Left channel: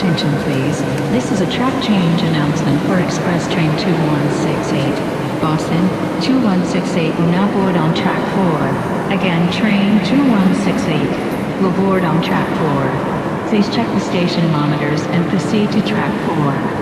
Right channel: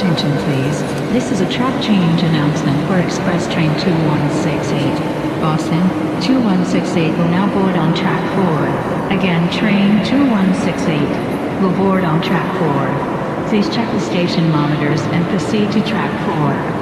attention please. This is a track change announcement for Express Train 2168. Boston, 2168 will now board on track 4. Again, train 2168 will board on track 4. Please check the station monitors and proceed to track 4.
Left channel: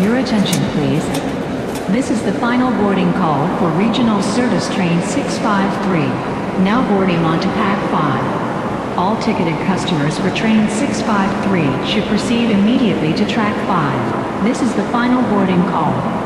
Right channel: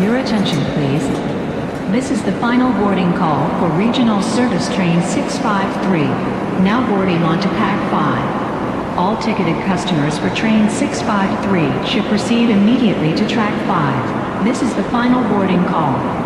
Your attention please. This is the final boarding call for Regional Service Train 653, now boarding onto Pack 5. All ticketed customers for Train 653 should proceed immediately to Track 5. This is the final boarding call.